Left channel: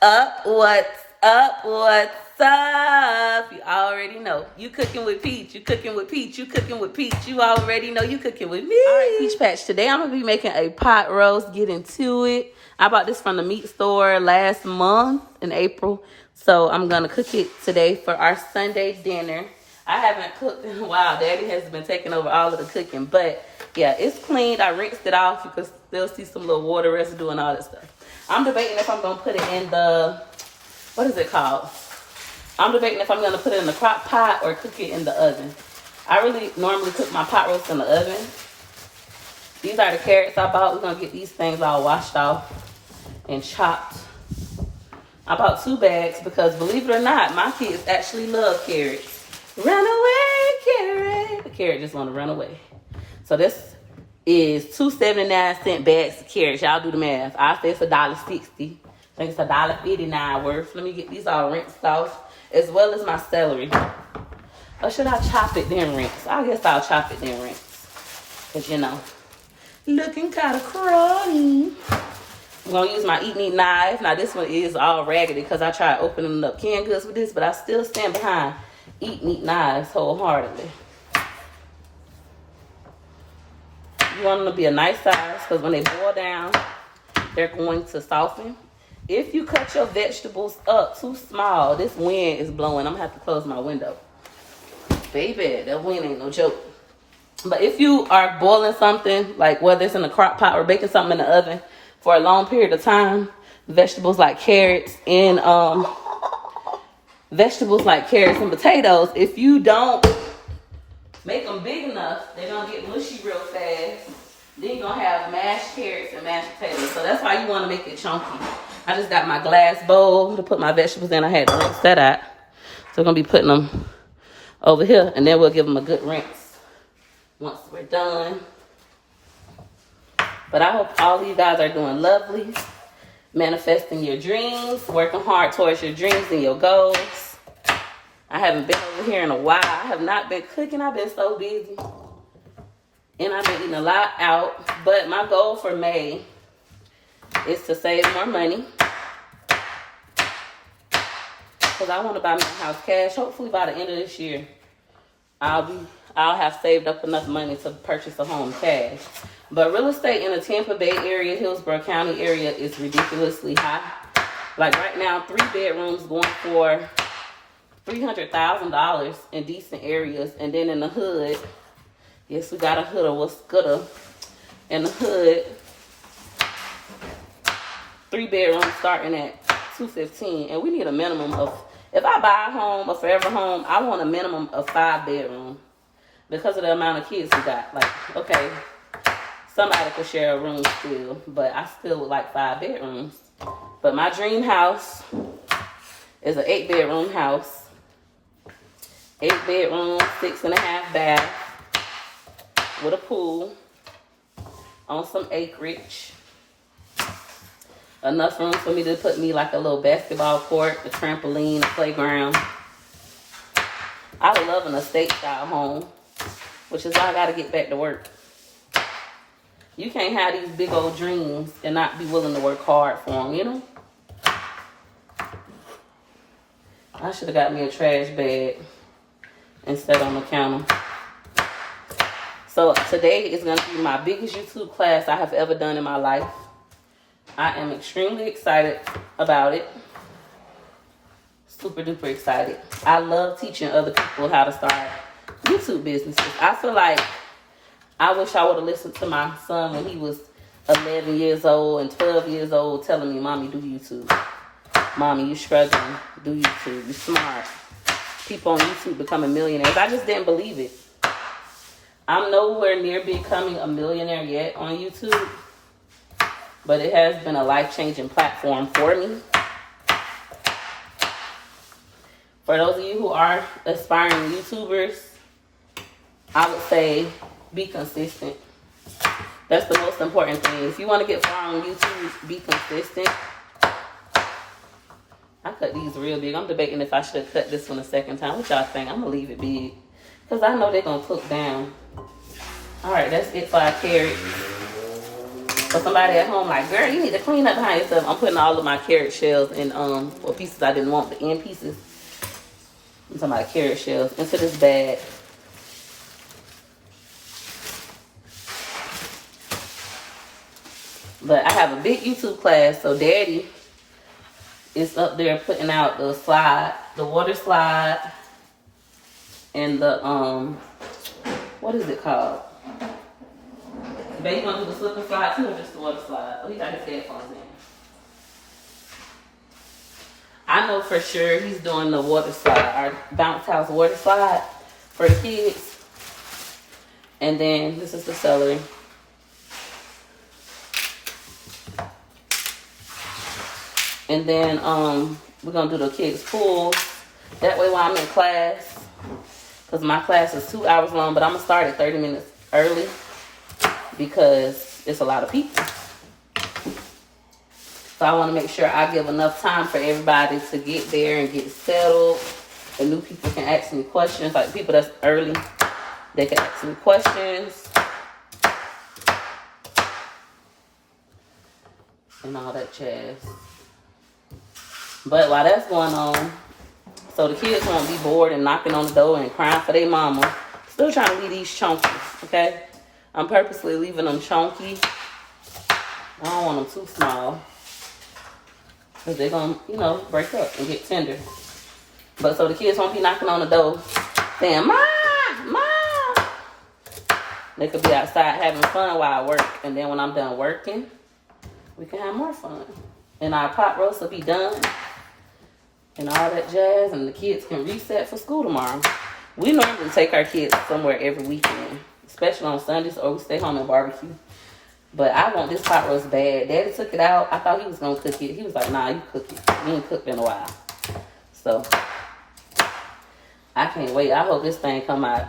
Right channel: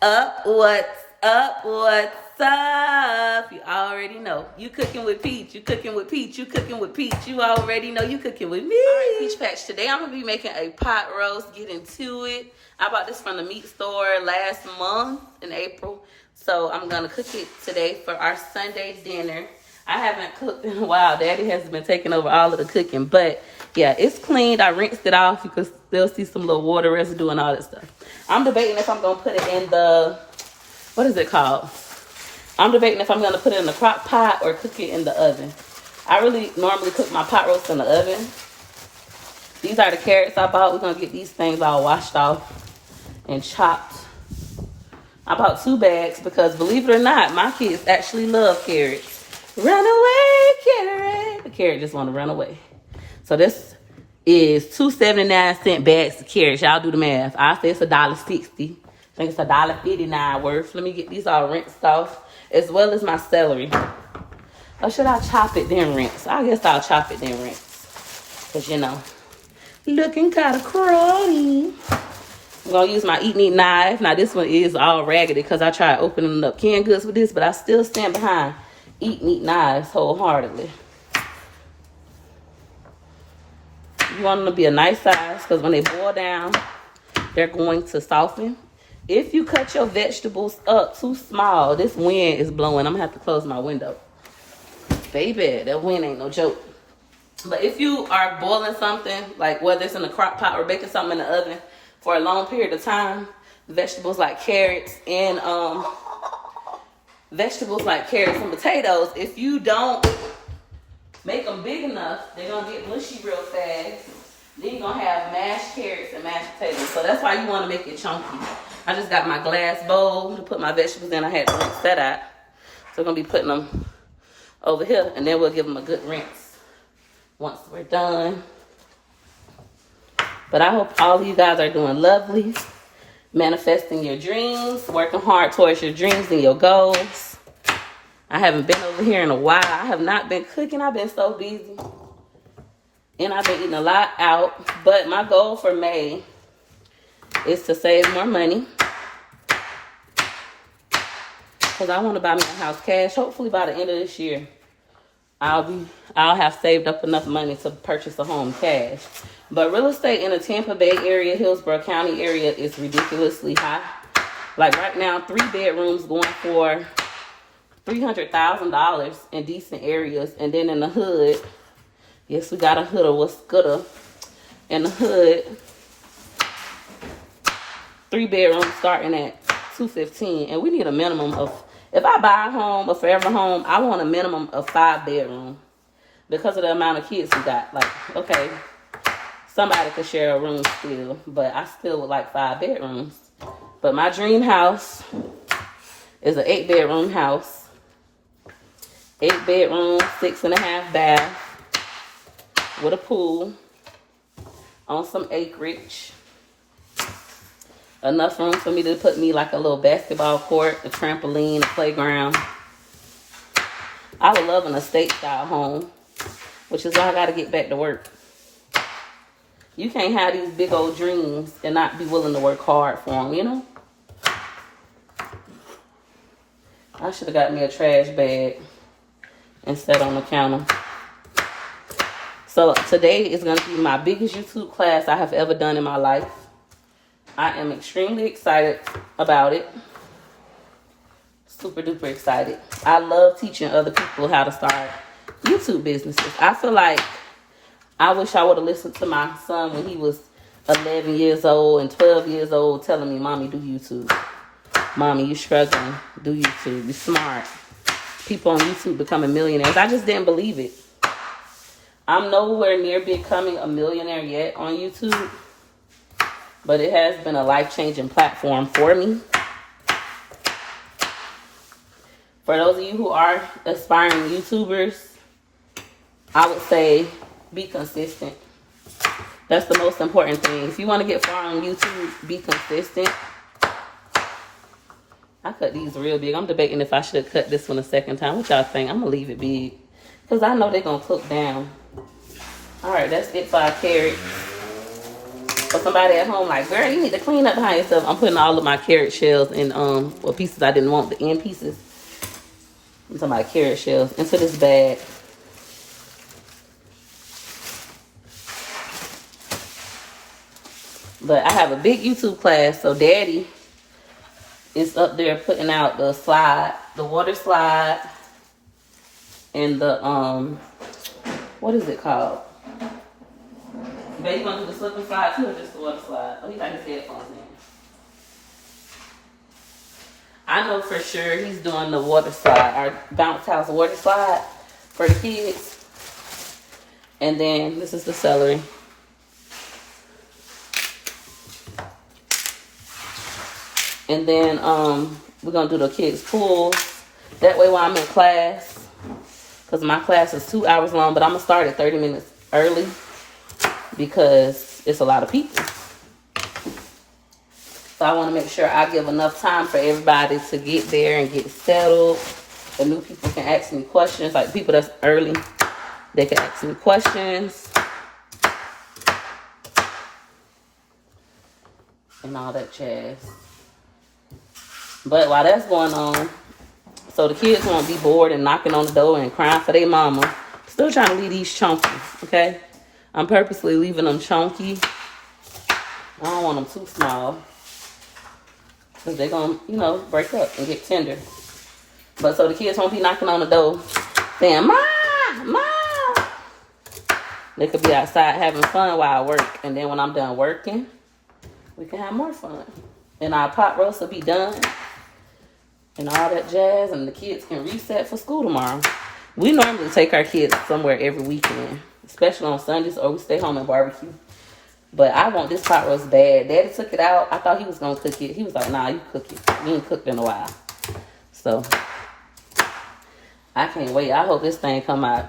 up? What's up? What's up? You already know. You cooking with Peach. You cooking with Peach. You cooking with Peach. You already know you cooking with me. All right, Peach Patch. Today I'm going to be making a pot roast. Get into it. I bought this from the meat store last month in April. So I'm going to cook it today for our Sunday dinner. I haven't cooked in a while. Daddy has been taking over all of the cooking. But yeah, it's cleaned. I rinsed it off. You can still see some little water residue and all that stuff. I'm debating if I'm going to put it in the, what is it called? I'm debating if I'm going to put it in the crock pot or cook it in the oven. I really normally cook my pot roast in the oven. These are the carrots I bought. We're going to get these things all washed off and chopped. I bought 2 bags because, believe it or not, my kids actually love carrots. Run away, carrot. The carrot just want to run away. So this is 2.79 bags of carrots. Y'all do the math. I say it's $1.60. I think it's $1.59 worth. Let me get these all rinsed off, as well as my celery. Or should I chop it then rinse? I guess I'll chop it then rinse. Because, you know, looking kind of cruddy. I'm going to use my eat meat knife. Now, this one is all raggedy because I tried opening up canned goods with this, but I still stand behind eat meat knives wholeheartedly. You want them to be a nice size because when they boil down, they're going to soften. If you cut your vegetables up too small, this wind is blowing. I'm going to have to close my window. Baby, that wind ain't no joke. But if you are boiling something, like whether it's in the crock pot or baking something in the oven for a long period of time, vegetables like carrots and potatoes, if you don't make them big enough, they're going to get mushy real fast. Then you're going to have mashed carrots and mashed potatoes. So that's why you want to make it chunky. I just got my glass bowl to put my vegetables in. I had to rinse that out. So I'm going to be putting them over here, and then we'll give them a good rinse once we're done. But I hope all of you guys are doing lovely, manifesting your dreams, working hard towards your dreams and your goals. I haven't been over here in a while. I have not been cooking. I've been so busy. And I've been eating a lot out. But my goal for May is to save more money. Because I want to buy my house cash. Hopefully by the end of this year, I'll have saved up enough money to purchase a home cash. But real estate in the Tampa Bay area, Hillsborough County area is ridiculously high. Like right now, 3 bedrooms going for $300,000 in decent areas. And then in the hood, yes, we got a hood of what's gooder. In the hood, 3 bedrooms starting at $215,000. And we need a minimum of, if I buy a home, a forever home, I want a minimum of 5 bedrooms. Because of the amount of kids we got. Like, okay, somebody could share a room still, but I still would like 5 bedrooms. But my dream house is an 8 bedroom house. 8 bedroom, 6.5 bath, with a pool, on some acreage. Enough room for me to put me like a little basketball court, a trampoline, a playground. I would love an estate style home, which is why I gotta get back to work. You can't have these big old dreams and not be willing to work hard for them, you know? I should have got me a trash bag and set on the counter. So today is gonna be my biggest YouTube class I have ever done in my life. I am extremely excited about it. Super duper excited. I love teaching other people how to start YouTube businesses. I feel like I wish I would have listened to my son when he was 11 years old and 12 years old telling me, Mommy, do YouTube. Mommy, you struggling. Do YouTube. You're smart. People on YouTube becoming millionaires. I just didn't believe it. I'm nowhere near becoming a millionaire yet on YouTube, but it has been a life-changing platform for me. For those of you who are aspiring YouTubers, I would say be consistent. That's the most important thing. If you want to get far on YouTube, be consistent. I cut these real big. I'm debating if I should have cut this one a second time. What y'all think? I'm going to leave it big because I know they're going to cook down. All right, that's it for our carrots. For somebody at home like, girl, you need to clean up behind yourself. I'm putting all of my carrot shells and pieces I didn't want, the end pieces. I'm talking about carrot shells into this bag. But I have a big YouTube class, so Daddy is up there putting out the slide, the water slide, and the what is it called? But you gonna do the slip and slide too, or just the water slide? Oh, he got his headphones in. I know for sure he's doing the water slide, our bounce house water slide for the kids. And then this is the celery. And then we're gonna do the kids' pool. That way while I'm in class, because my class is 2 hours long, but I'm gonna start at 30 minutes early because it's a lot of people. So I wanna make sure I give enough time for everybody to get there and get settled. The new people can ask me questions, like people that's early, they can ask me questions. And all that jazz. But while that's going on, so the kids won't be bored and knocking on the door and crying for their mama, still trying to leave these chunky, okay? I'm purposely leaving them chunky. I don't want them too small, because they're going to, you know, break up and get tender. But so the kids won't be knocking on the door saying, Ma, Ma. They could be outside having fun while I work. And then when I'm done working, we can have more fun. And our pot roast will be done. And all that jazz. And the kids can reset for school tomorrow. We normally take our kids somewhere every weekend. Especially on Sundays, or we stay home and barbecue. But I want this pot roast bad. Daddy took it out. I thought he was going to cook it. He was like, nah, you cook it. You ain't cooked in a while. So, I can't wait. I hope this thing come out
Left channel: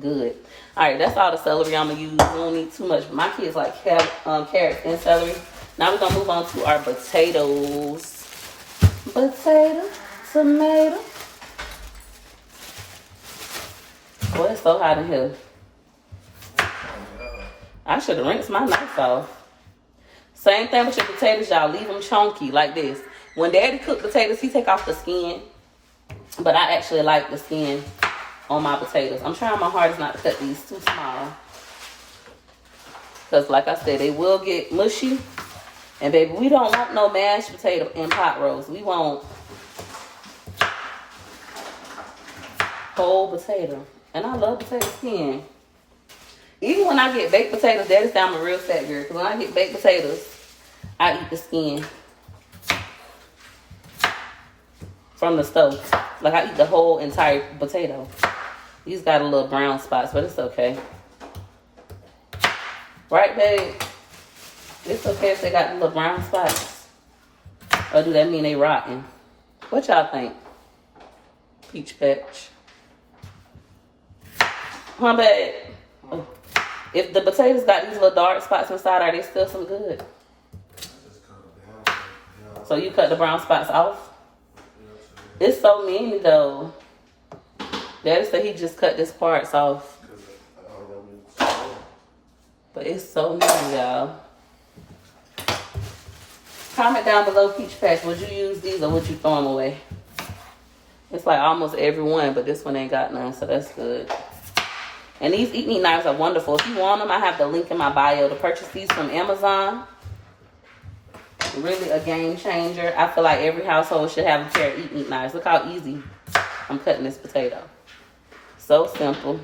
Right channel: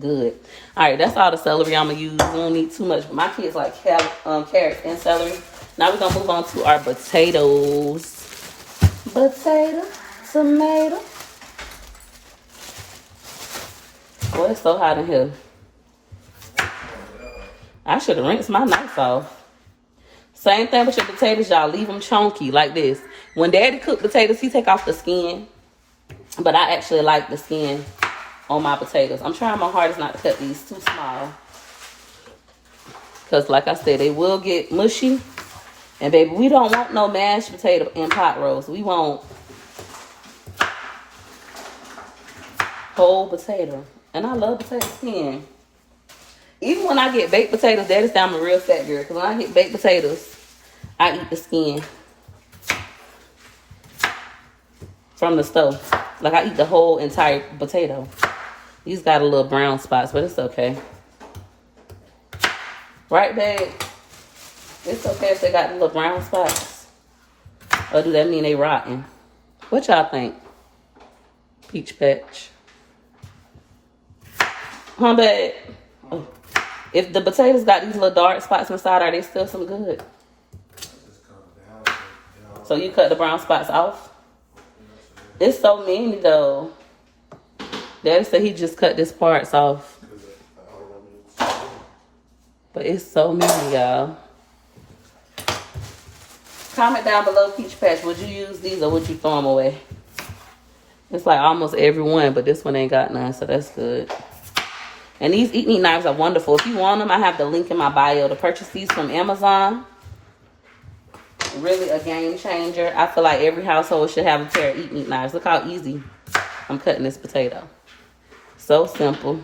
good. Alright, that's all the celery I'm going to use. We don't need too much. My kids like carrots and celery. Now we're going to move on to our potatoes. Potato, tomato. Oh, it's so hot in here. I should have rinsed my knife off. Same thing with your potatoes, y'all. Leave them chunky like this. When Daddy cook potatoes, he take off the skin. But I actually like the skin on my potatoes. I'm trying my hardest not to cut these too small. Because like I said, they will get mushy. And baby, we don't want no mashed potato and pot roast. We want whole potato. And I love potato skin. Even when I get baked potatoes, that is down a real fat girl. Because when I get baked potatoes, I eat the skin from the stove. Like I eat the whole entire potato. These got a little brown spots, but it's okay. Right, babe? It's okay if they got the little brown spots. Or do that mean they rotten? What y'all think? Peach patch. My bad. Oh. If the potatoes got these little dark spots inside, are they still some good? So you cut the brown spots off? It's so many though. Daddy said he just cut these parts off. But it's so many, y'all. Comment down below, Peach Patch, would you use these or would you throw them away? It's like almost every one, but this one ain't got none, so that's good. And these eat knives are wonderful. If you want them, I have the link in my bio to purchase these from Amazon. Really a game changer. I feel like every household should have a pair of eat knives. Look how easy I'm cutting this potato. So simple.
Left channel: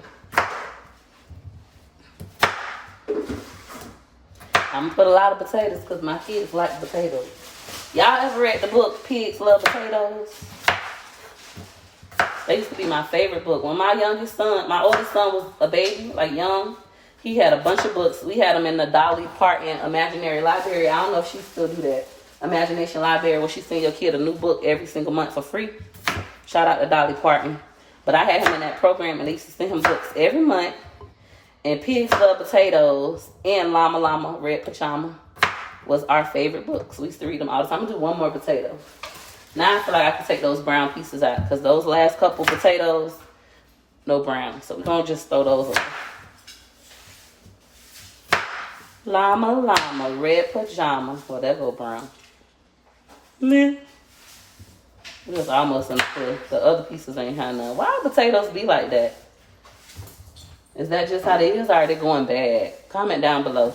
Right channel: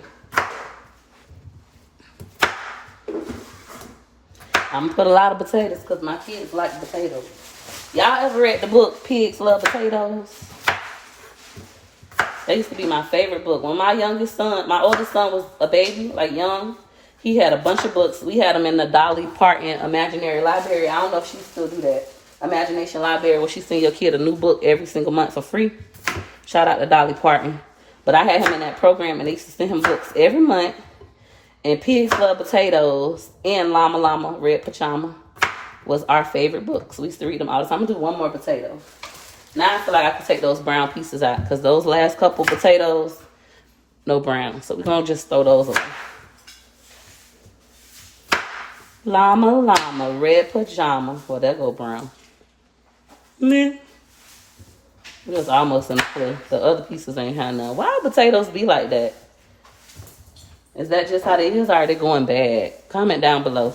I'm gonna put a lot of potatoes because my kids like potatoes. Y'all ever read the book Pigs Love Potatoes? That used to be my favorite book. When my oldest son was a baby, like young, he had a bunch of books. We had them in the Dolly Parton Imaginary Library. I don't know if she still do that. Imagination Library, where she send your kid a new book every single month for free. Shout out to Dolly Parton. But I had him in that program, and they used to send him books every month. And Pigs Love Potatoes and Llama Llama Red Pajama was our favorite books. We used to read them all the time. I'm gonna do one more potato. Now I feel like I can take those brown pieces out because those last couple potatoes, no brown. So we're gonna just throw those away. Llama, red pajamas. Well, that go brown. Man. It was almost until the other pieces ain't had none. Why potatoes be like that? Is that just how they is, or are they going bad? Comment down below.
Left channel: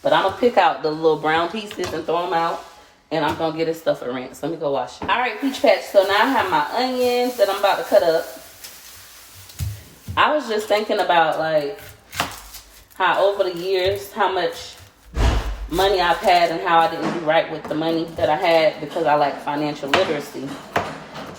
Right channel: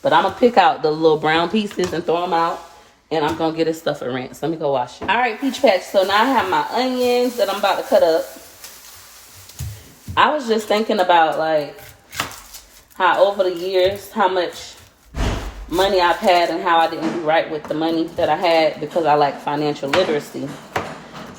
But I'm going to pick out the little brown pieces and throw them out. And I'm going to get this stuff a rinse. Let me go wash it. All right, peach patch. So now I have my onions that I'm about to cut up. I was just thinking about, like, how over the years, how much money I've had and how I didn't do right with the money that I had because I like financial literacy.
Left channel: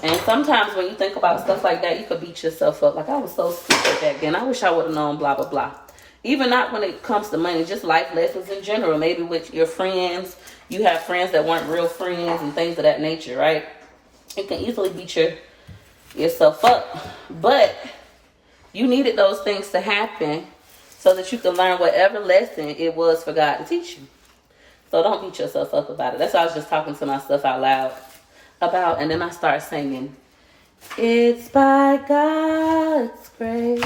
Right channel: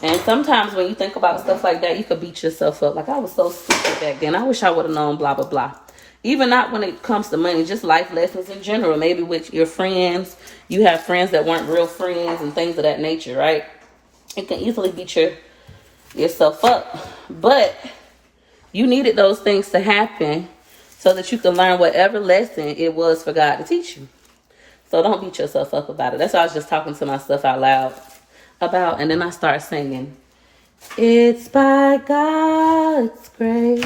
And sometimes when you think about stuff like that, you could beat yourself up. Like, I was so stupid back then. I wish I would have known blah, blah, blah. Even not when it comes to money, just life lessons in general. Maybe with your friends. You have friends that weren't real friends and things of that nature, right? It can easily beat yourself up. But you needed those things to happen so that you can learn whatever lesson it was for God to teach you. So don't beat yourself up about it. That's why I was just talking to myself out loud about. And then I start singing, it's by God's grace,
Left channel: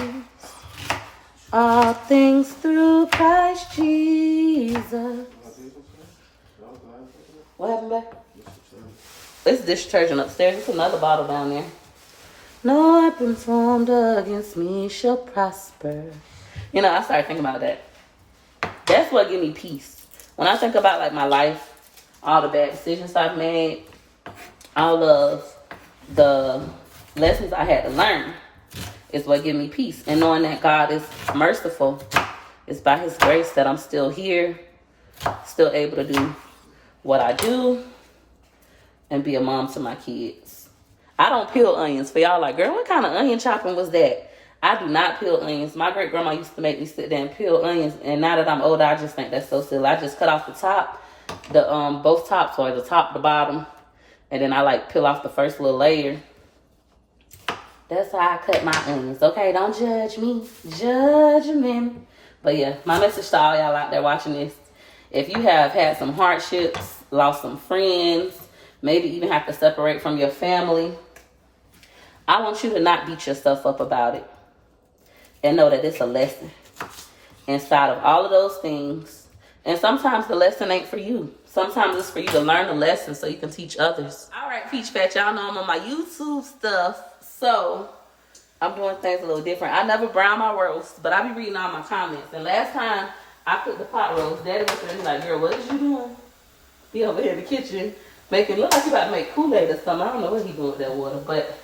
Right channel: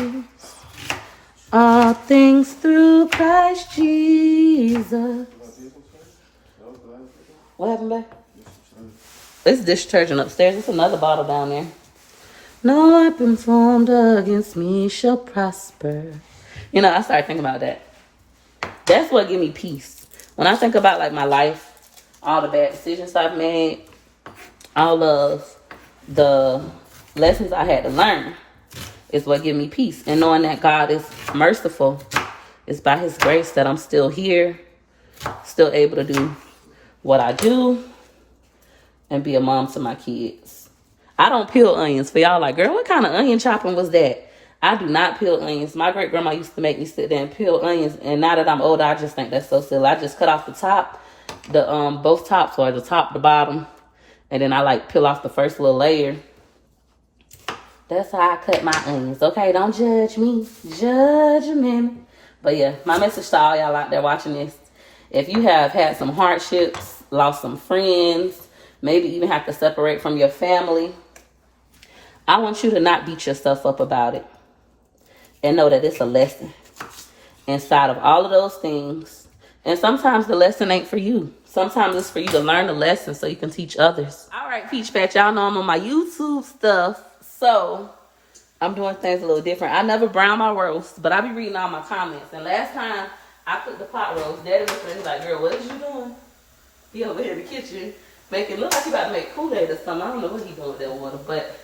all things through Christ Jesus. What happened back? This dish detergent upstairs. There's another bottle down there. No weapons formed against me shall prosper. You know, I started thinking about that. That's what gives me peace. When I think about, like, my life, all the bad decisions I've made, all of the lessons I had to learn is what gives me peace. And knowing that God is merciful, it's by his grace that I'm still here, still able to do what I do and be a mom to my kids. I don't peel onions. For y'all like, girl, what kind of onion chopping was that? I do not peel onions. My great grandma used to make me sit there and peel onions. And now that I'm older, I just think that's so silly. I just cut off the top, both tops, or the top, the bottom. And then I like peel off the first little layer. That's how I cut my onions. Okay, don't judge me. Judge me. But yeah, my message to all y'all out there watching this. If you have had some hardships, lost some friends, maybe even have to separate from your family, I want you to not beat yourself up about it. And know that it's a lesson inside of all of those things. And sometimes the lesson ain't for you. Sometimes it's for you to learn the lesson so you can teach others. All right, Peach Patch, y'all know I'm on my YouTube stuff. So I'm doing things a little different. I never brown my roast, but I be reading all my comments. And last time I cooked the pot roast, Daddy looked at me like, girl, what is you doing? He over here in the kitchen making, look like he about to make Kool-Aid or something. I don't know what he doing with that water, but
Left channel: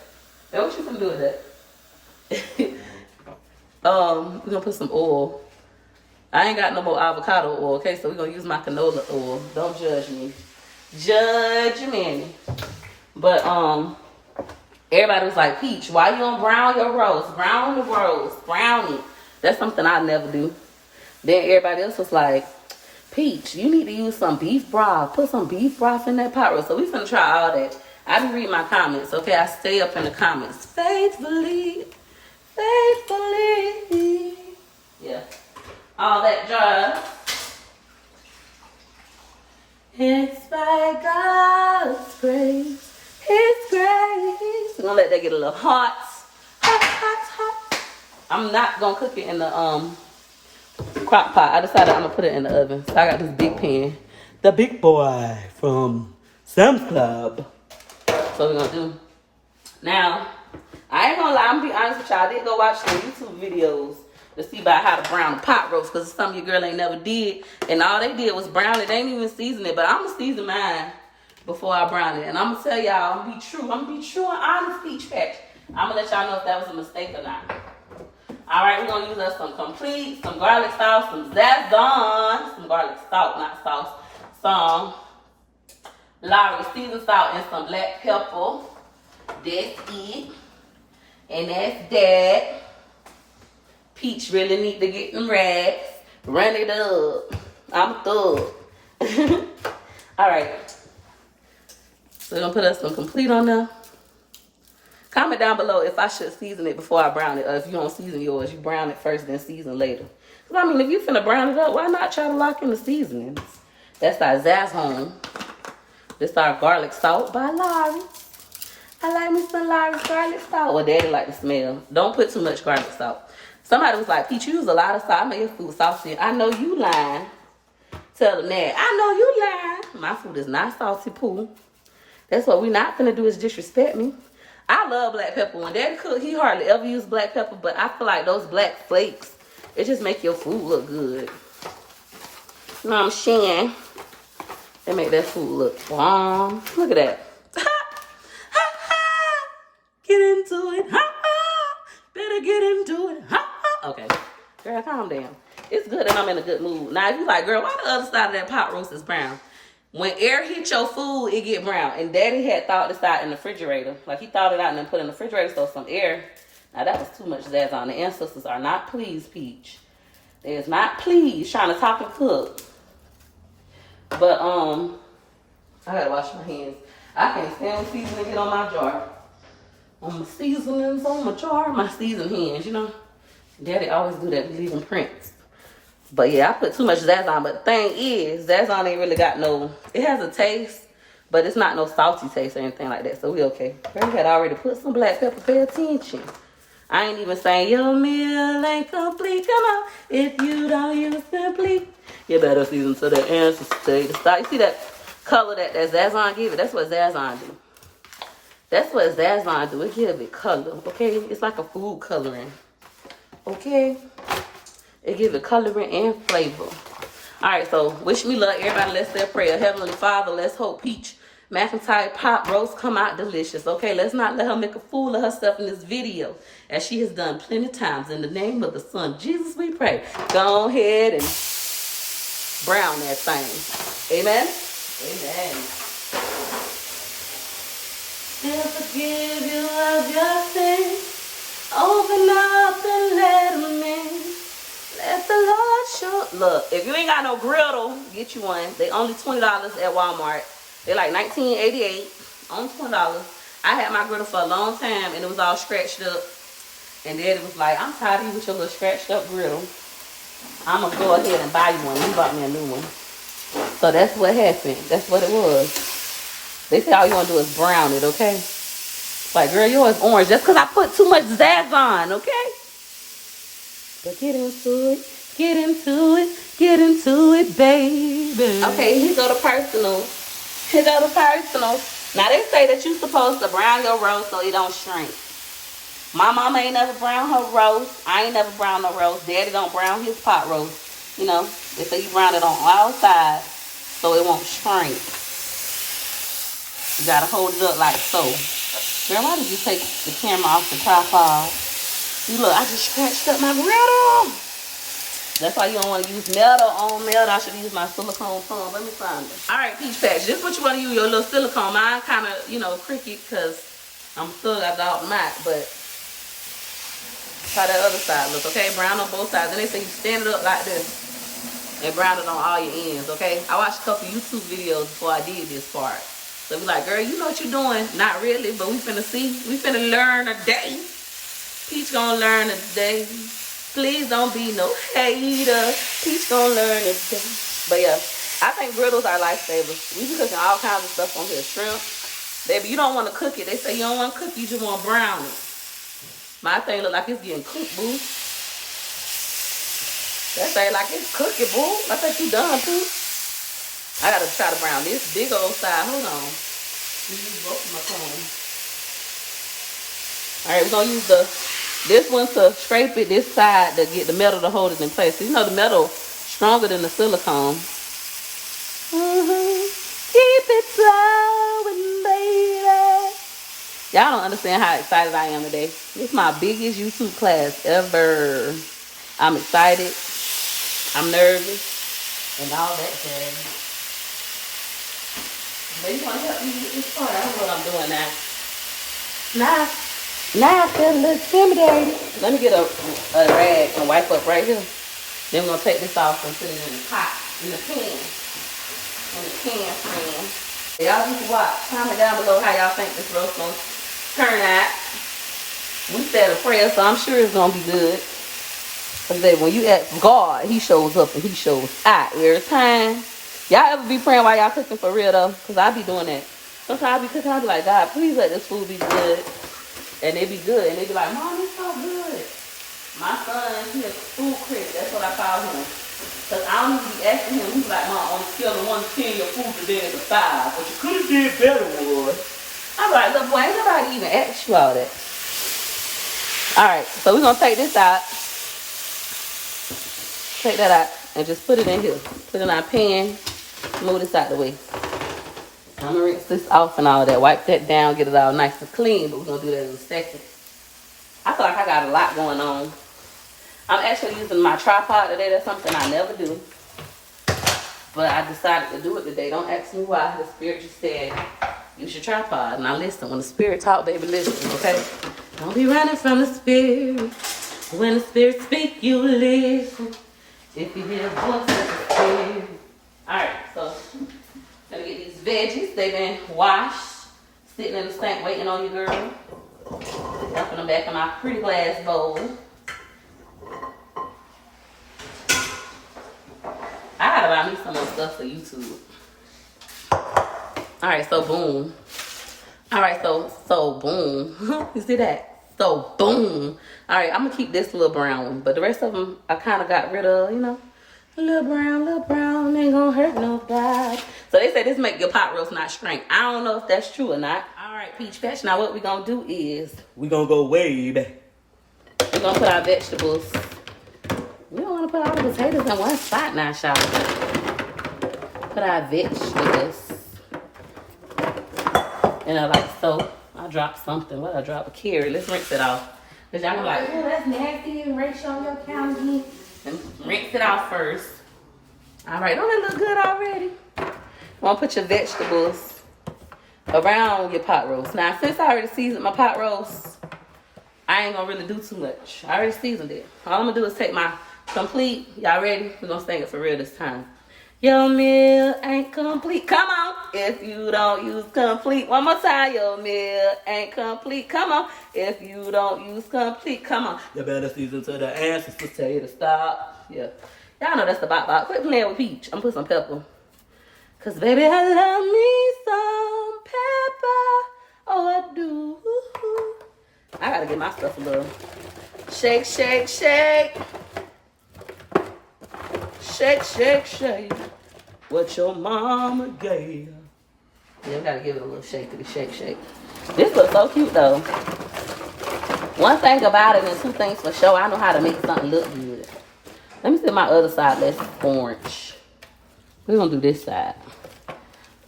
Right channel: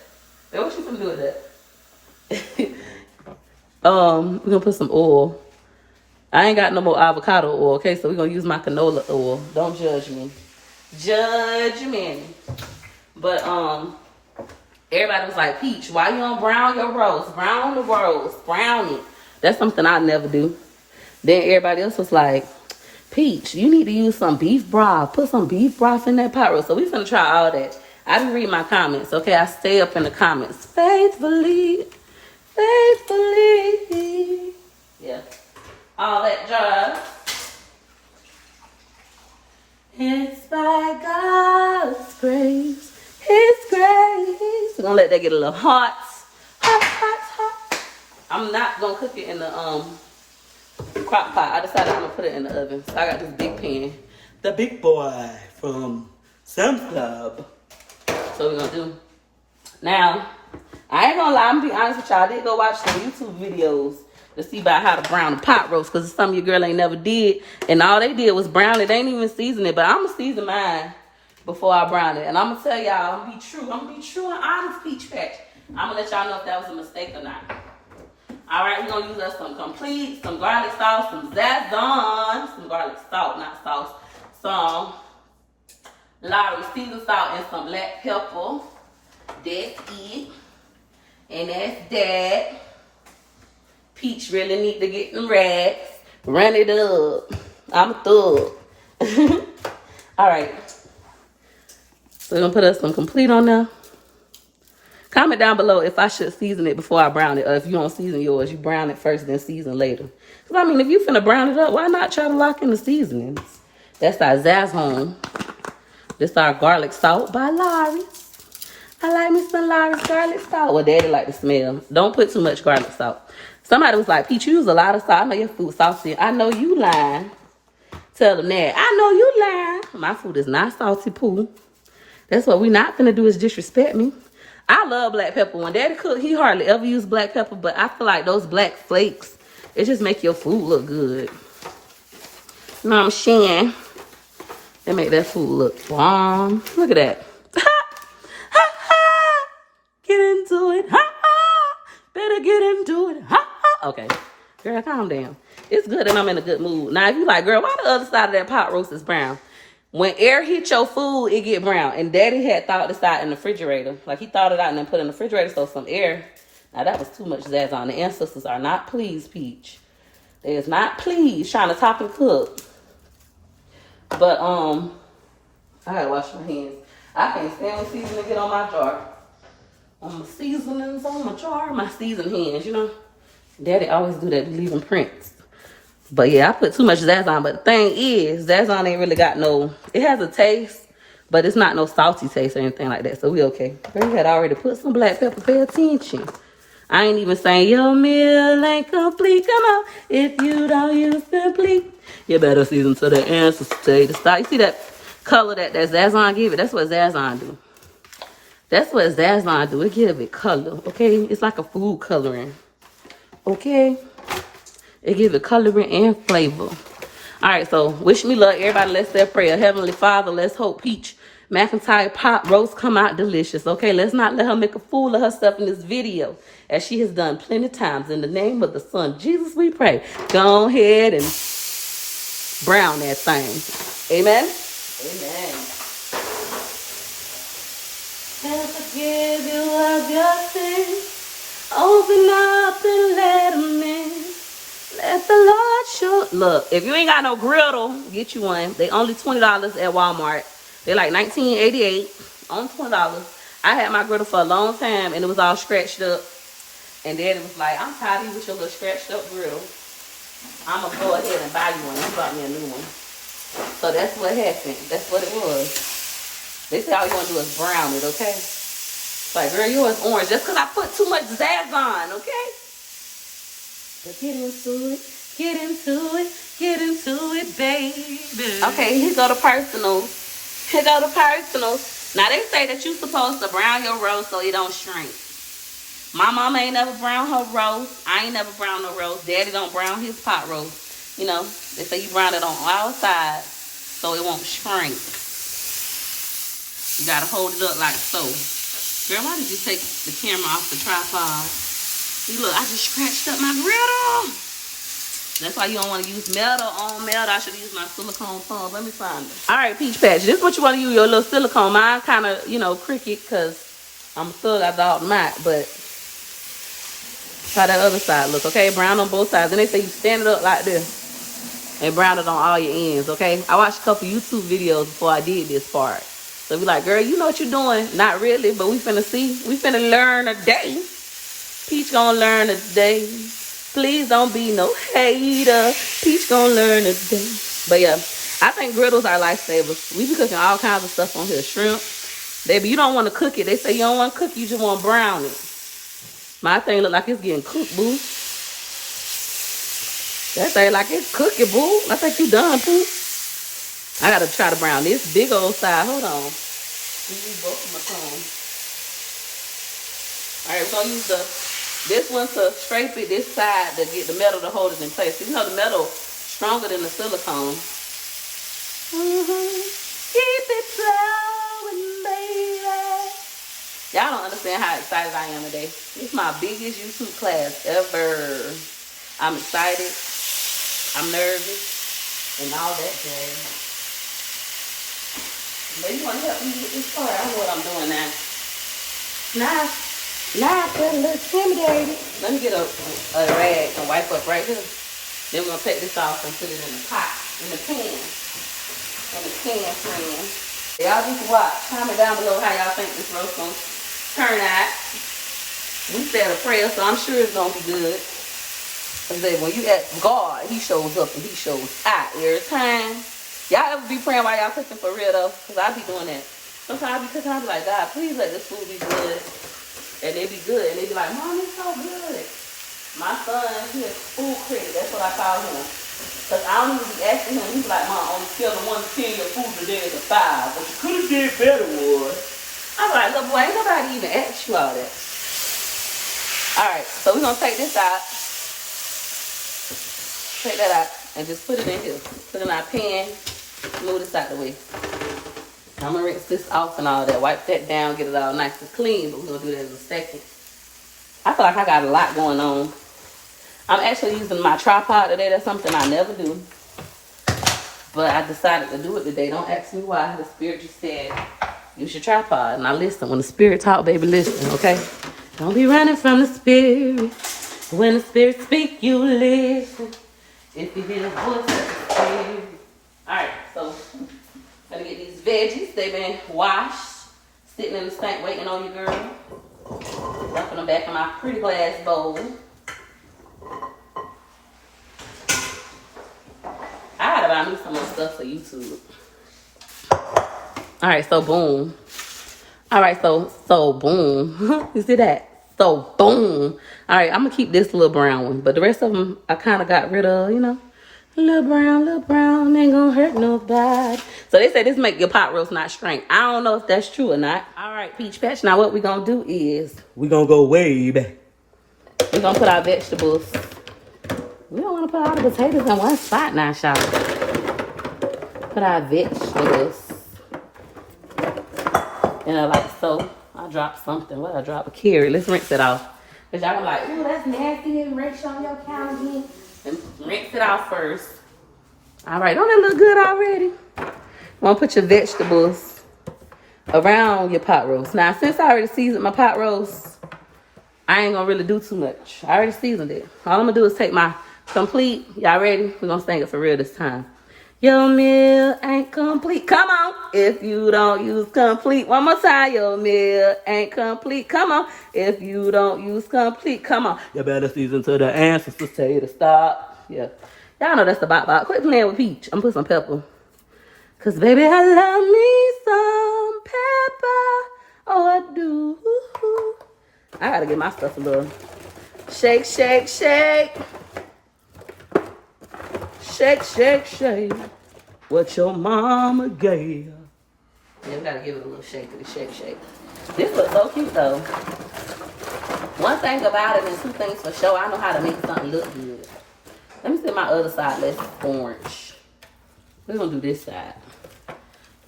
man, what you gonna do with that? We're gonna put some oil. I ain't got no more avocado oil, okay? So we're gonna use my canola oil. Don't judge me. Judge me. But everybody was like, Peach, why you don't brown your roast? Brown the roast. Brown it. That's something I never do. Then everybody else was like, Peach, you need to use some beef broth. Put some beef broth in that pot roast. So we finna try all that. I didn't read my comments, okay? I stay up in the comments. Faithfully. Yeah. All that jazz. It's by God's grace. His grace. We're gonna let that get a little hot. Hot. I'm not gonna cook it in the crock pot. I decided I'm gonna put it in the oven. So I got this big pan. The big boy from Sam's Club. So we're gonna do. Now, I ain't gonna lie, I'm gonna be honest with y'all. I did go watch some YouTube videos to see about how to brown a pot roast, because it's something your girl ain't never did. And all they did was brown it. They ain't even season it, but I'm gonna season mine before I brown it. And I'm gonna tell y'all, I'm gonna be true. I'm gonna be true and honest, Peach Patch. I'm gonna let y'all know if that was a mistake or not. All right, we're gonna use us some complete, some garlic sauce, some Zazon, some garlic salt, not sauce, some Lowry seasoned salt, and some black pepper. That's it. And that's that. Peach really need to get them rags. Run it up. I'm a thug. All right. So we're going to put us some complete on there. Comment down below if I should season it before I brown it. Or if you don't season yours, you brown it first, then season later. Because, I mean, if you finna brown it up, why not try to lock in the seasonings? That's our Zazon. This our garlic salt by Lowry. I like me some large garlic salt. Well, Daddy like the smell. Don't put too much garlic salt. Somebody was like, Peach, you use a lot of salt. I know your food salty. I know you lying. Tell them that. I know you lying. My food is not salty, poo. That's what we not gonna do is disrespect me. I love black pepper. When Daddy cook, he hardly ever use black pepper, but I feel like those black flakes, it just make your food look good. You know what I'm saying? They make that food look bomb. Look at that. Get into it. Better get into it. Okay. Girl, calm down. It's good and I'm in a good mood. Now, if you like, girl, why the other side of that pot roast is brown? When air hit your food, it get brown. And Daddy had thawed this out in the refrigerator. Like, he thawed it out and then put it in the refrigerator, so some air. Now, that was too much Zazon. The ancestors are not pleased, Peach. They is not pleased trying to talk and cook. But, I gotta wash my hands. I can't stand when seasoning get on my jar. On my seasonings, on my jar, my seasoned hands, you know. Daddy always do that, leaving prints. But yeah, I put too much Zazon. But the thing is, Zazon ain't really got no, it has a taste, but it's not no salty taste or anything like that. So we okay. We had already put some black pepper, pay attention. I ain't even saying, your meal ain't complete. Come on, if you don't use Simply, you better season to the answers, to the start. You see that color that Zazon give it? That's what Zazon do. That's what Zazon do. It give it color, okay? It's like a food coloring, okay? It gives it coloring and flavor. All right, so wish me luck. Everybody, let's say a prayer. Heavenly Father, let's hope Peach McIntyre pot roast come out delicious, okay? Let's not let her make a fool of herself in this video, as she has done plenty times. In the name of the Son, Jesus, we pray. Go ahead and brown that thing. Amen? Amen. And forgive you of your sins. Open up and let him in. Let the Lord show. Look, if you ain't got no griddle, get you one. They only $20 at Walmart. They're like $19.88. Only $20. I had my griddle for a long time and it was all scratched up. And Daddy was like, I'm tired of you with your little scratched up griddle. I'm gonna go ahead and buy you one. He bought me a new one. So that's what happened. That's what it was. They say all you want to do is brown it, okay? Like, girl, yours orange just because I put too much Zazon, okay? But get into it, get into it, get into it, baby. Okay, here go the personal. Here go the personal. Now, they say that you're supposed to brown your roast so it don't shrink. My mama ain't never brown her roast. I ain't never brown no roast. Daddy don't brown his pot roast. You know, they say you brown it on all sides so it won't shrink. You gotta hold it up like so. Girl, why did you take the camera off the tripod? See, look, I just scratched up my griddle. That's why you don't want to use metal on metal. I should use my silicone tongue. Let me find it. All right, Peach Patch. This is what you want to use, your little silicone. Mine kind of, you know, cricket because I'm still got the automatic, but try that other side. Look, okay? Brown on both sides. And they say you stand it up like this and brown it on all your ends, okay? I watched a couple YouTube videos before I did this part. So be like, girl, you know what you're doing. Not really, but we finna see. We finna learn a day. Peach gonna learn a day. Please don't be no hater. Peach gonna learn a day. But yeah, I think griddles are lifesavers. We be cooking all kinds of stuff on here. Shrimp. Baby, you don't want to cook it. They say you don't want to cook, you just want to brown it. My thing look like it's getting cooked, boo. That thing like it's cooking, boo. I think you done, too. I gotta try to brown this big old side. Hold on. Use both of my combs. Alright, we're gonna use this one to scrape it, this side to get the metal to hold it in place. So, you know the metal stronger than the silicone. Keep it flowing, baby. Y'all don't understand how excited I am today. This is my biggest YouTube class ever. I'm excited. I'm nervous. And all that jazz. But you want to help me with this part? I know what I'm doing now. Now it's a little intimidating. Let me get a rag and wipe up right here. Then we're going to take this off and put it in the pot, in the pan. In the pan, friend. Y'all just watch. Comment down below how y'all think this roast going to turn out. We said a prayer, so I'm sure it's going to be good. Because when you ask God, he shows up and he shows out every time. Y'all ever be praying while y'all cooking for real though? Because I be doing that. Sometimes I be cooking, I be like, God, please let this food be good. And they be good. And they be like, Mom, it's so good. My son, he is food critic. That's what I call him. Because I don't even be asking him. He's like, Mom, on a scale of 1 to 10, your food today is a 5. But you could have did better, boy. I'm like, look, boy, ain't nobody even asked you all that. All right, so we're going to take this out. Take that out and just put it in here. Put it in our pan. Move this out the way. I'm going to rinse this off and all that. Wipe that down, get it all nice and clean. But we're going to do that in a second. I feel like I got a lot going on. I'm actually using my tripod today. That's something I never do. But I decided to do it today. Don't ask me why. The Spirit just said, use your tripod. Now listen, when the Spirit talk, baby, listen, okay? Don't be running from the Spirit. When the Spirit speak, you listen. If you hear a voice of the Spirit. Alright, so gotta get these veggies. They've been washed, sitting in the sink waiting on you, girl. Dumping them back in my pretty glass bowl. I gotta buy me some more stuff for YouTube. Alright, so boom. Alright, so boom. You see that? So boom. Alright, I'm gonna keep this little brown one, but the rest of them I kind of got rid of, you know. Little brown, ain't gonna hurt nobody. So they say this make your pot roast not shrink. I don't know if that's true or not. Alright, Peach Patch. Now what we gonna do is we gonna go way back. We're gonna put our vegetables. We don't wanna put all the potatoes in one spot now, y'all. Put our vegetables. And like so. I dropped something. What? I dropped a carrot. Let's rinse it off. Because y'all be like, oh, that's nasty. And rinse on your counter again. And rinse it off first. Alright, don't that look good already? You're gonna put your vegetables around your pot roast. Now, since I already seasoned my pot roast, I ain't gonna really do too much. I already seasoned it. All I'm gonna do is take my complete. Y'all ready? We're gonna sing it for real this time. Your meal ain't complete. Come on. If you don't use complete. One more time. Your meal ain't complete. Come on. If you don't use complete. Come on. You better season to the ancestors tell you to stop. Yeah. Y'all know that's the bop. Quit playing with Peach. I'm gonna put some pepper. Cause baby, I love me some pepper. Oh, I do. I gotta get my stuff a little. Shake, shake, shake. Shake, shake, shake. What your mama gave. Yeah, we gotta give it a little shake to the shake, shake. This looks so cute though. One thing about it and two things for sure, I know how to make something look good. Let me see my other side. That's orange. We're gonna do this side.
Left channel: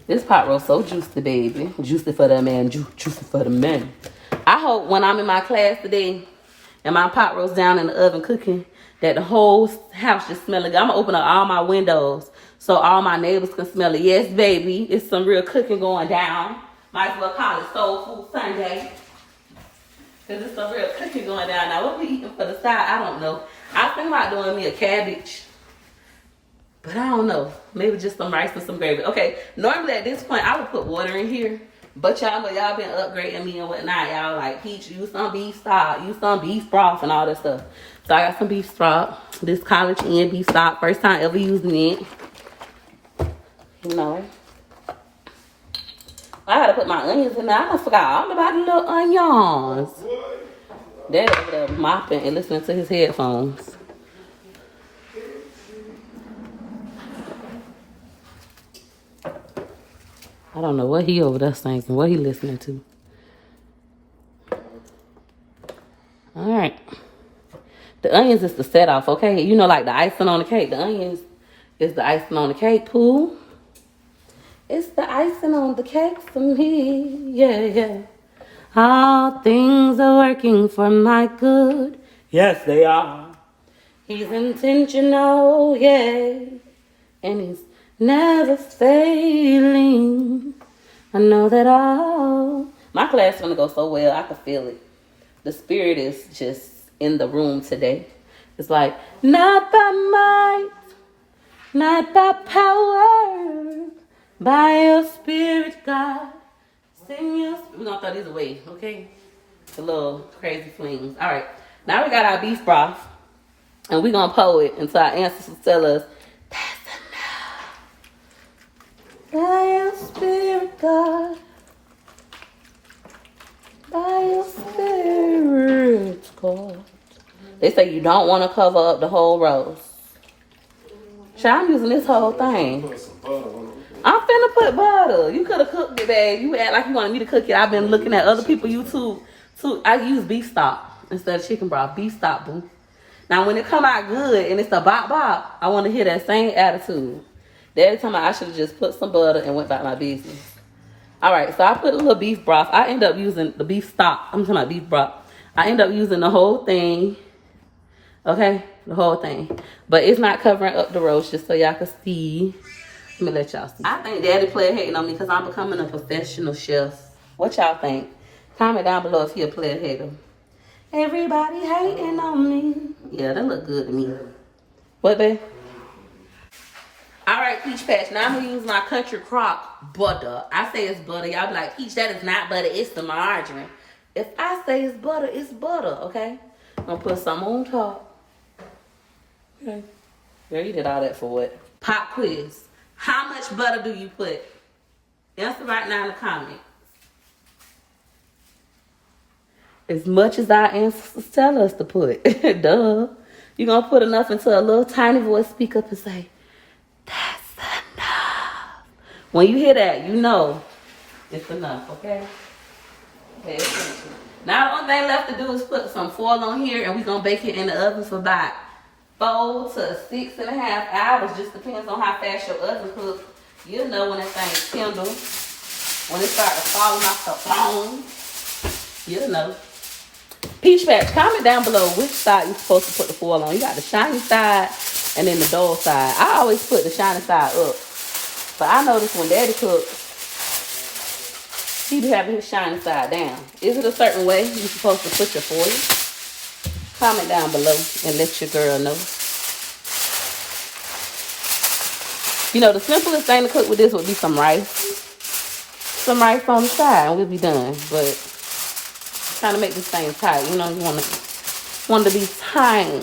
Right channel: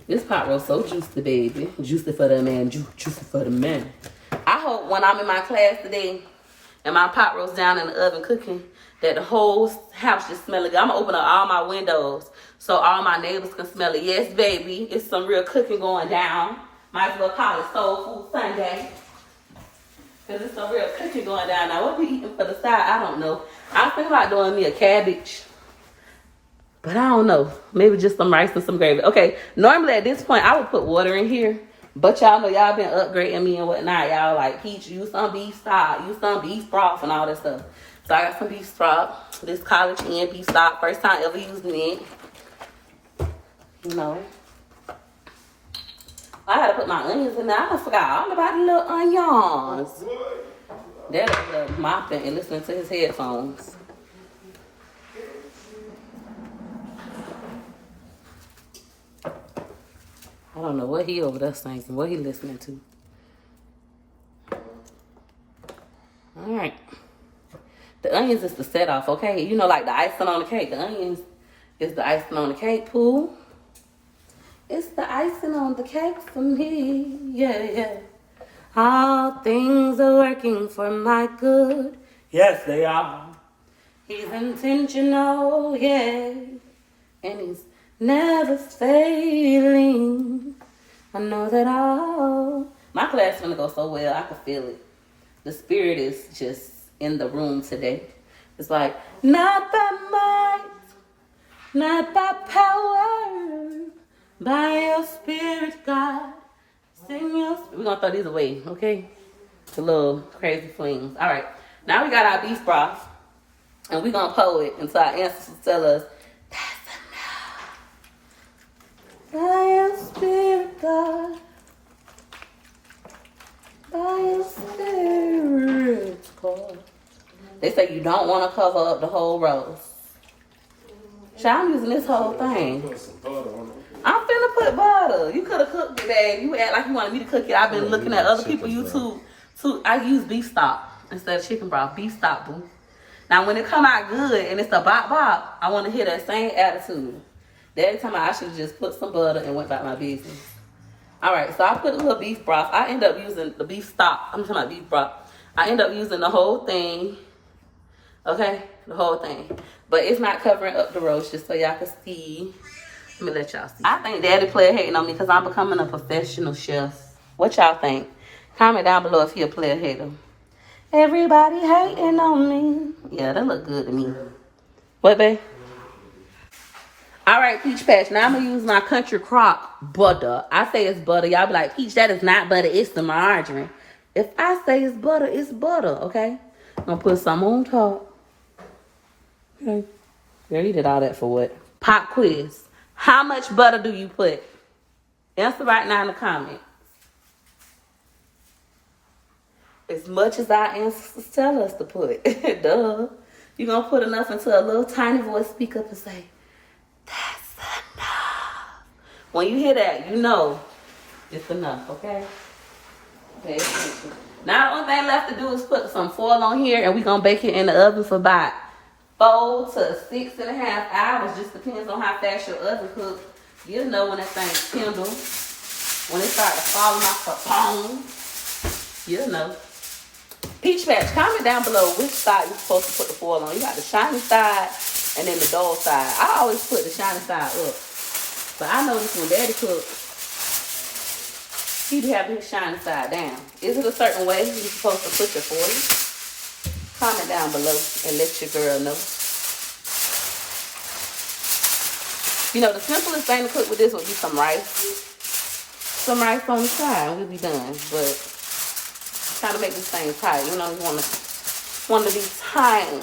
This pot roast so juicy, baby. Juicy for the man, juicy for the man. I hope when I'm in my class today and my pot roast down in the oven cooking, that the whole house just smelling good. I'm gonna open up all my windows so all my neighbors can smell it. Yes, baby, it's some real cooking going down. Might as well call it Soul Food Sunday. Cause it's some real cooking going down. Now what we eating for the side, I don't know. I think about doing me a cabbage. But I don't know. Maybe just some rice and some gravy. Okay, normally at this point I would put water in here. But y'all know y'all been upgrading me and whatnot. Y'all like, Peach, use some beef stock, use some beef broth and all that stuff. So I got some beef stock. This college and beef stock. First time ever using it. You know. I gotta put my onions in there. I forgot all about the little onions. They're over there mopping and listening to his headphones. I don't know what he over there thinking, what he listening to. All right. The onions is the set off, okay? You know, like the icing on the cake. The onions is the icing on the cake, Pooh. It's the icing on the cake for me, yeah. All things are working for my good. Yes, they are. He's intentional, yeah. And he's never failing. I know that all. My class is gonna go so well. I can feel it. The spirit is just in the room today. It's like, not by might, not by power, by your spirit, God. Sing your spirit. We're gonna throw these away, okay? The little crazy flings. All right. Now we got our beef broth. And we're gonna pour it until our ancestors tell us, that's enough. By your spirit, God. They say you don't want to cover up the whole roast. I'm using this whole thing. I'm finna put butter. You could have cooked it, babe. You act like you wanted me to cook it. I've been looking at other people YouTube too. I use beef stock instead of chicken broth. Beef stock, boo. Now when it come out good and it's a bop bop, I want to hear that same attitude. Every time I should have just put some butter and went about my business. All right, so I put a little beef broth. I end up using the beef stock. I'm talking about beef broth. I end up using the whole thing. Okay, the whole thing. But it's not covering up the roast, just so y'all can see. Let me let y'all see. I think Daddy player hating on me because I'm becoming a professional chef. What y'all think? Comment down below if he a player hater. Everybody hating on me. Yeah, that look good to me. What, babe? All right, Peach Patch. Now I'm going to use my Country Crock butter. I say it's butter. Y'all be like, Peach, that is not butter. It's the margarine. If I say it's butter, okay? I'm going to put some on top. Okay. Girl, you did all that for what? Pop quiz. How much butter do you put? Answer right now in the comments. As much as our ancestors tell us to put. Duh. You're going to put enough until a little tiny voice speak up and say, that's enough. When you hear that, you know it's enough, okay? Pay attention. Now the only thing left to do is put some foil on here and we're going to bake it in the oven for about 4 to 6.5 hours. Just depends on how fast your oven cooks. You'll know when that thing kindles. When it starts falling off the bone. You'll know. Peach Patch, comment down below which side you're supposed to put the foil on. You got the shiny side and then the dull side. I always put the shiny side up. But I noticed when Daddy cooks, he be having his shiny side down. Is it a certain way you're supposed to put your foil? Comment down below and let your girl know. You know, the simplest thing to cook with this would be some rice. Some rice on the side and we'll be done. But trying to make this thing tight. You know, you want it to be tiny.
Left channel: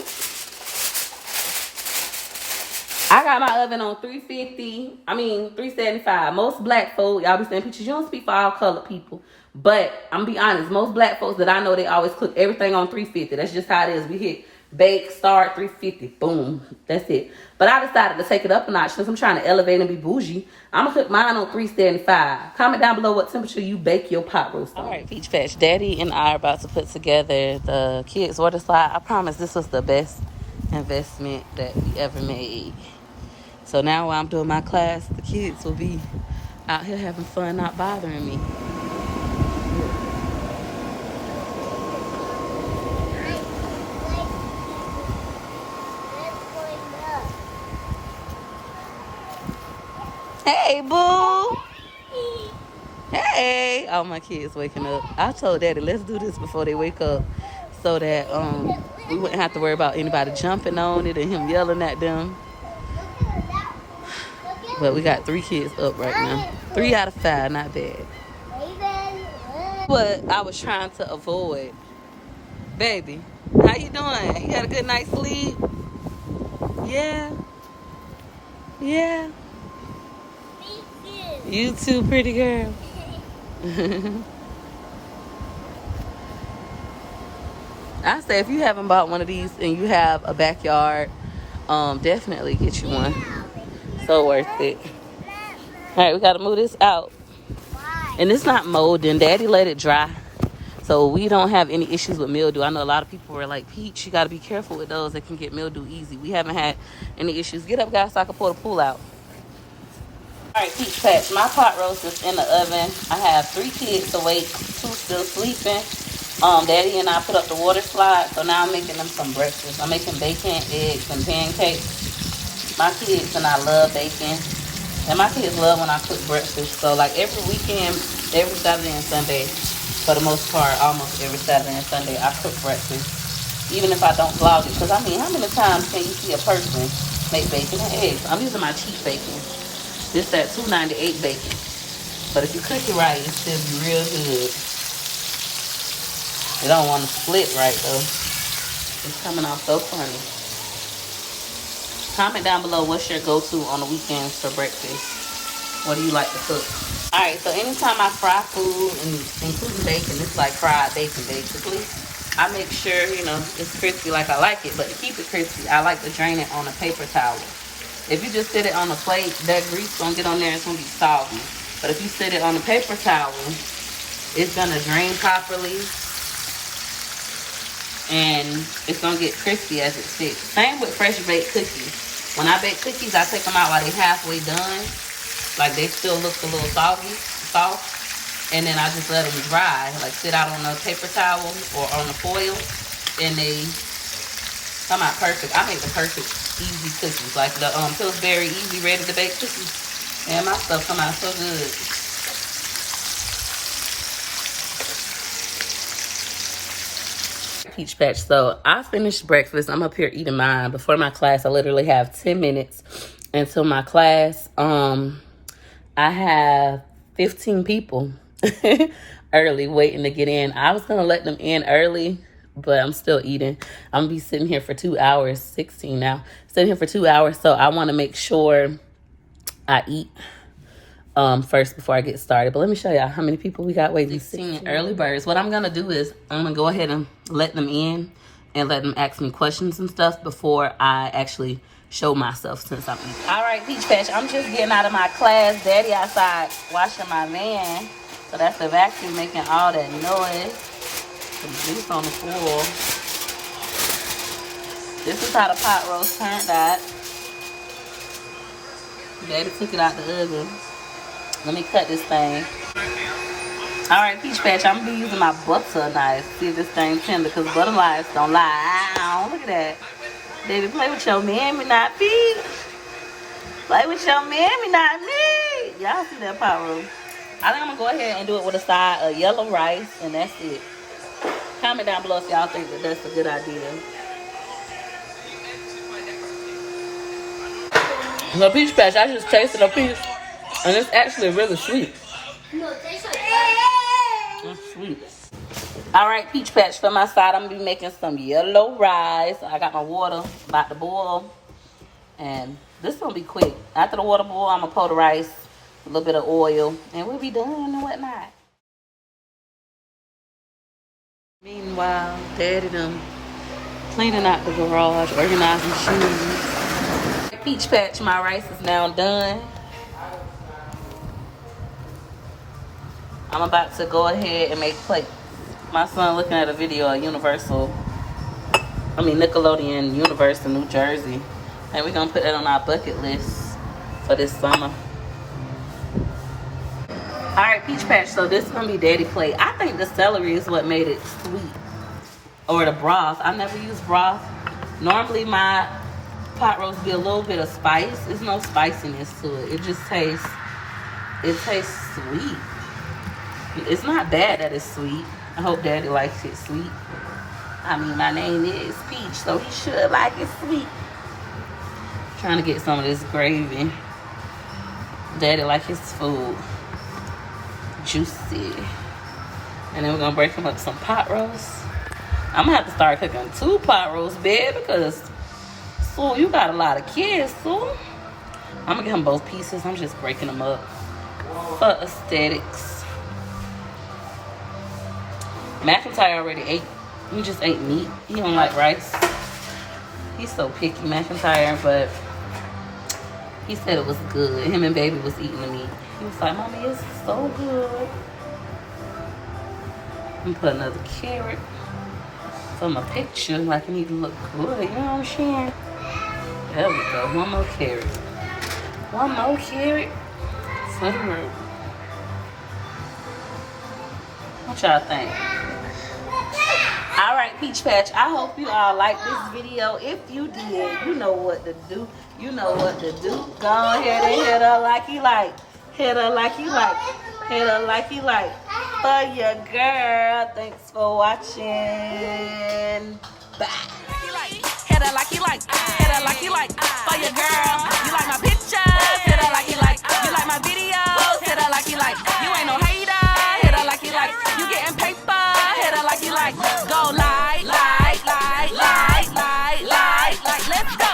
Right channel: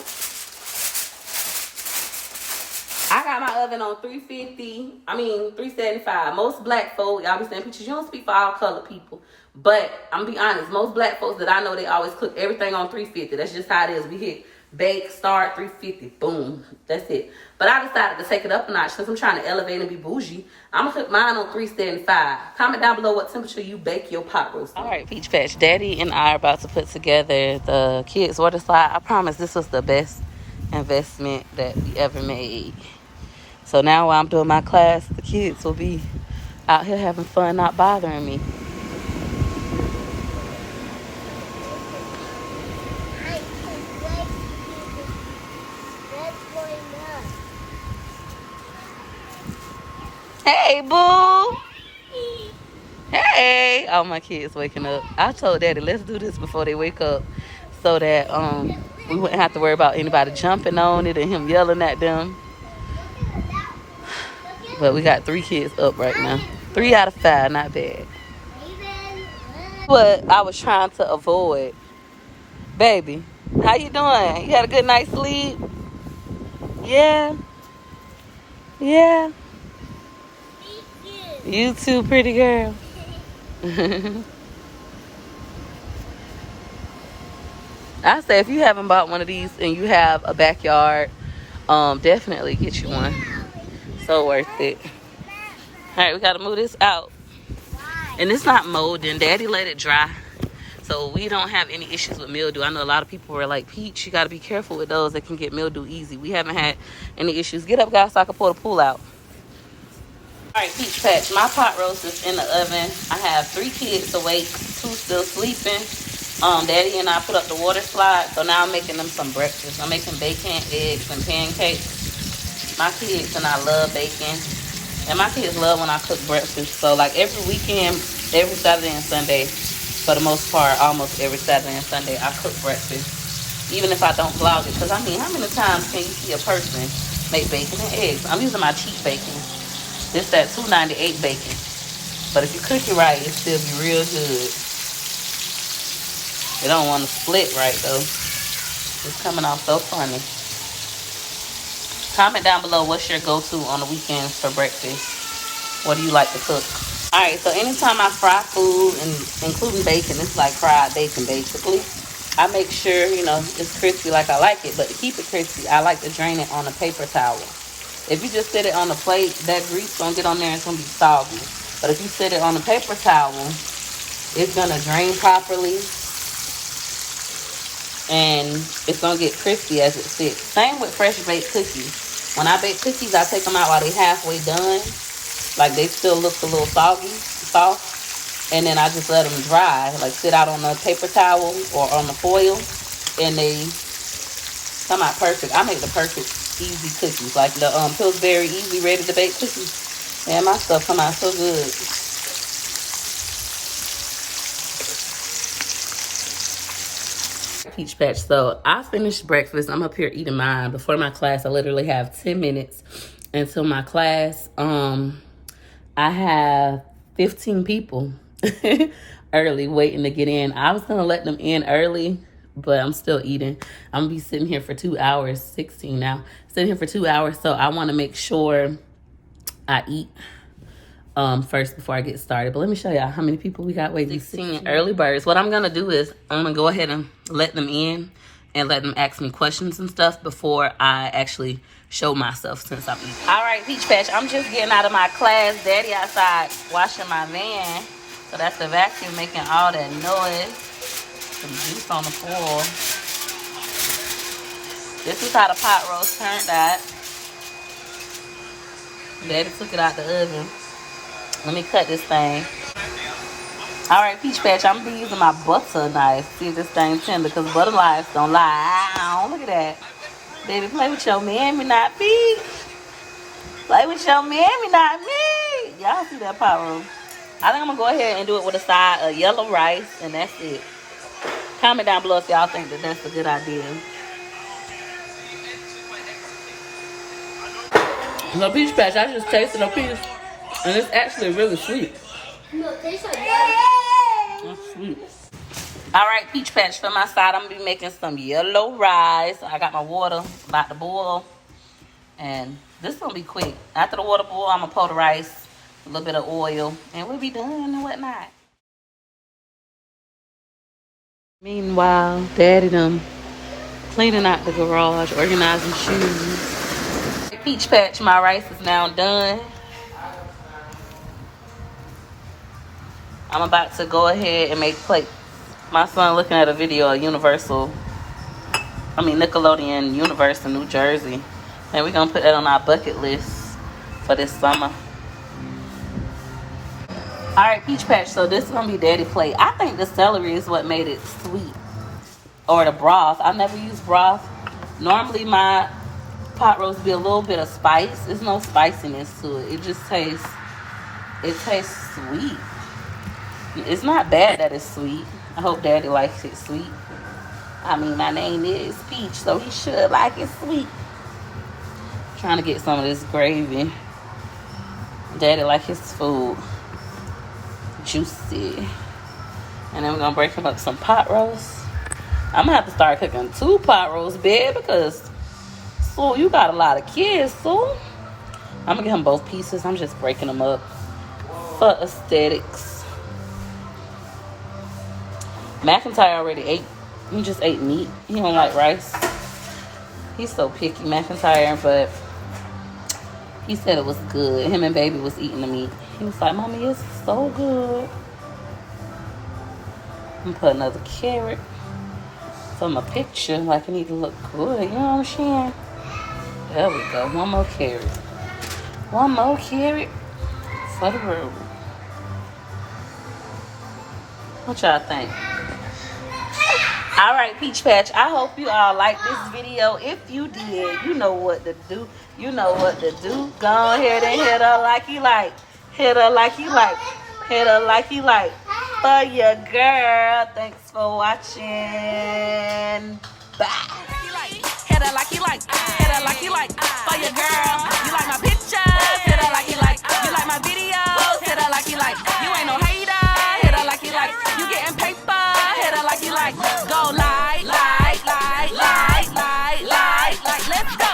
I got my oven on 375. Most black folk, y'all be saying, Peaches, you don't speak for all colored people. But I'm gonna be honest, most black folks that I know, they always cook everything on 350. That's just how it is. We hit bake, start, 350, boom. That's it. But I decided to take it up a notch because I'm trying to elevate and be bougie. I'm gonna cook mine on 375. Comment down below what temperature you bake your pot roast. All right, Peach Patch, Daddy and I are about to put together the kids' water slide. I promise this was the best investment that we ever made. So now while I'm doing my class, the kids will be out here having fun, not bothering me. Hey, boo. Hey. All my kids waking up. I told Daddy, let's do this before they wake up so that we wouldn't have to worry about anybody jumping on it and him yelling at them. But we got 3 kids up right now. 3 out of 5, not bad. What I was trying to avoid. Baby, how you doing? You had a good night's sleep? Yeah? Yeah? You too, pretty girl. I say if you haven't bought one of these and you have a backyard, definitely get you one. So worth it. All right, we got to move this out. And it's not molding. Daddy let it dry. So we don't have any issues with mildew. I know a lot of people were like, Peach, you got to be careful with those. They can get mildew easy. We haven't had any issues. Get up, guys, so I can pull the pool out. All right, Peach Patch, my pot roast is in the oven. I have 3 kids awake, 2 still sleeping. Daddy and I put up the water slide, so now I'm making them some breakfast. I'm making bacon, eggs, and pancakes. My kids and I love bacon. And my kids love when I cook breakfast. So, like, every weekend, every Saturday and Sunday, for the most part, almost every Saturday and Sunday, I cook breakfast. Even if I don't vlog it. Because, I mean, how many times can you see a person make bacon and eggs? I'm using my cheap bacon. This that $2.98 bacon. But if you cook it right, it still be real good. You don't want to split right, though. It's coming off so funny. Comment down below what's your go-to on the weekends for breakfast. What do you like to cook? Alright, so anytime I fry food, and including bacon, it's like fried bacon basically. I make sure, you know, it's crispy like I like it. But to keep it crispy, I like to drain it on a paper towel. If you just sit it on the plate, that grease gonna get on there and it's gonna be soggy. But if you sit it on a paper towel, it's gonna drain properly and it's gonna get crispy as it sits. Same with fresh baked cookies. When I bake cookies, I take them out while they're halfway done. Like they still look a little soft. And then I just let them dry, like sit out on the paper towel or on the foil, and they come out perfect. I make the perfect easy cookies, like the Pillsbury Easy Ready to Bake cookies. Man, my stuff come out so good. Peach Patch. So I finished breakfast. I'm up here eating mine. Before my class, I literally have 10 minutes until my class. I have 15 people early waiting to get in. I was gonna let them in early, but I'm still eating. I'm gonna be sitting here for 2 hours, 16 now, sitting here for 2 hours. So I want to make sure I eat first before I get started. But let me show y'all how many people we got waiting. 16 early birds. What I'm gonna do is I'm gonna go ahead and let them in and let them ask me questions and stuff before I actually show myself, since I'm eating. All right, Peach Patch, I'm just getting out of my class. Daddy outside washing my van. So that's the vacuum making all that noise. Some juice on the floor. This is how the pot roast turned out. Daddy took it out the oven. Let me cut this thing. All right, Peach Patch, I'm gonna be using my butter knife. See if this thing tender, because butter knives don't lie. Ow, look at that. Baby, play with your mammy, not me. Play with your mammy, not me. Y'all see that pot roast? I think I'm gonna go ahead and do it with a side of yellow rice, and that's it. Comment down below if y'all think that that's a good idea. So Peach Patch, I just tasted a piece, and it's actually really sweet. No, it tastes like that. That's sweet. All right, Peach Patch, for my side, I'm gonna be making some yellow rice. I got my water about to boil, and this gonna be quick. After the water boil, I'm gonna pour the rice, a little bit of oil, and we'll be done and whatnot. Meanwhile, Daddy done cleaning out the garage, organizing shoes. Peach Patch, my rice is now done. I'm about to go ahead and make plate. My son looking at a video of Nickelodeon Universe in New Jersey. And we're gonna put that on our bucket list for this summer. All right, Peach Patch, so this is gonna be Daddy plate. I think the celery is what made it sweet. Or the broth. I never use broth. Normally my pot roast be a little bit of spice. There's no spiciness to it. It just tastes sweet. It's not bad that it's sweet. I hope Daddy likes it sweet. I mean, my name is Peach, so he should like it sweet. Trying to get some of this gravy. Daddy like his food juicy. And then we're gonna break him up some pot roast. I'm gonna have to start cooking 2 pot roasts, babe, because Sue, you got a lot of kids, Sue. I'm gonna get him both pieces. I'm just breaking them up for aesthetics. McIntyre already ate. He just ate meat. He don't like rice. He's so picky, McIntyre, but he said it was good. Him and Baby was eating the meat. He was like, Mommy, it's so good. I'm gonna put another carrot for my picture, like it need to look good, you know what I'm saying? There we go. One more carrot. One more carrot for the road. What y'all think? All right, Peach Patch, I hope you all liked this video. If you did, you know what to do. You know what to do. Go ahead and hit her like you like. Hit her like you like. Hit her like you like. For your girl. Thanks for watching. Bye. Hit her like you like. Hit her like you like. For your girl. You like my pictures. Hit her like you like. You like my videos. Hit her like you like. You ain't no hater. Hit her like you like. You getting paper. Hit her like you like. Go like. Let's go.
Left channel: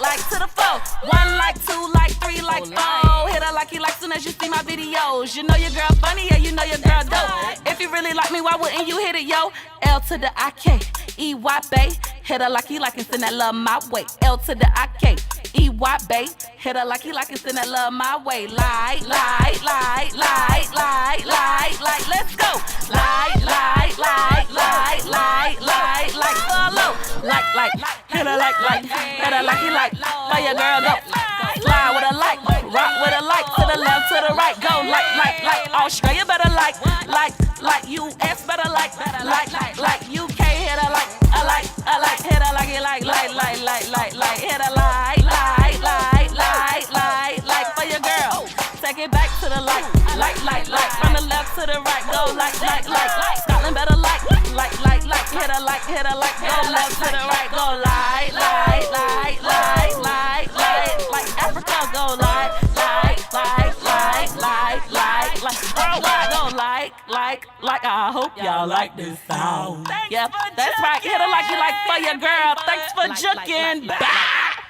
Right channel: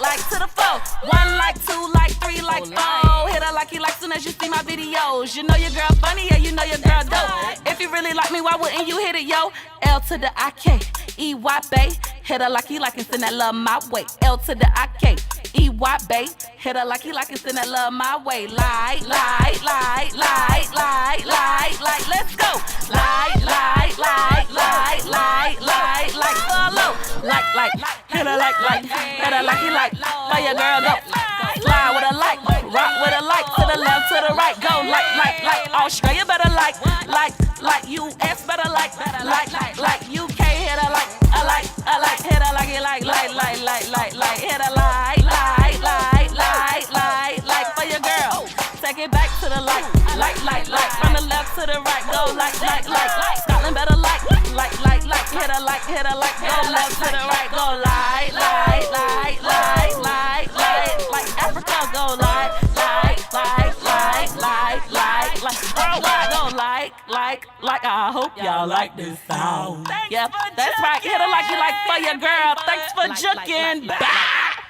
Like to the 4. 1 like 2 like 3 like 4. Hit her like you like soon as you see my videos. You know your girl funny, yeah, you know your girl dope. If you really like me, why wouldn't you hit it, yo? L to the I-K-E-Y, bae. Hit her like he like and send that love my way. L to the I-K-E-Y, bae. Hit her like he like and send that love my way. Like, let's go. Like, follow. Like, hit her like, hit her like he like. For your girl, go. Slide with a like, rock with a like. To the left, to the right, go. Like. Australia better like. US better like. UK, hit her like. I like, hit her like it like. Hit her like. For your girl, take it back to the like. From the left to the right, go like. Scotland better like. Hit her like. Go left to the right, go like. Africa, go like. Worldwide, go like. I hope y'all like this sound. Yeah, that's right. Hit her like you like for your girl. Thanks for juking. Bye.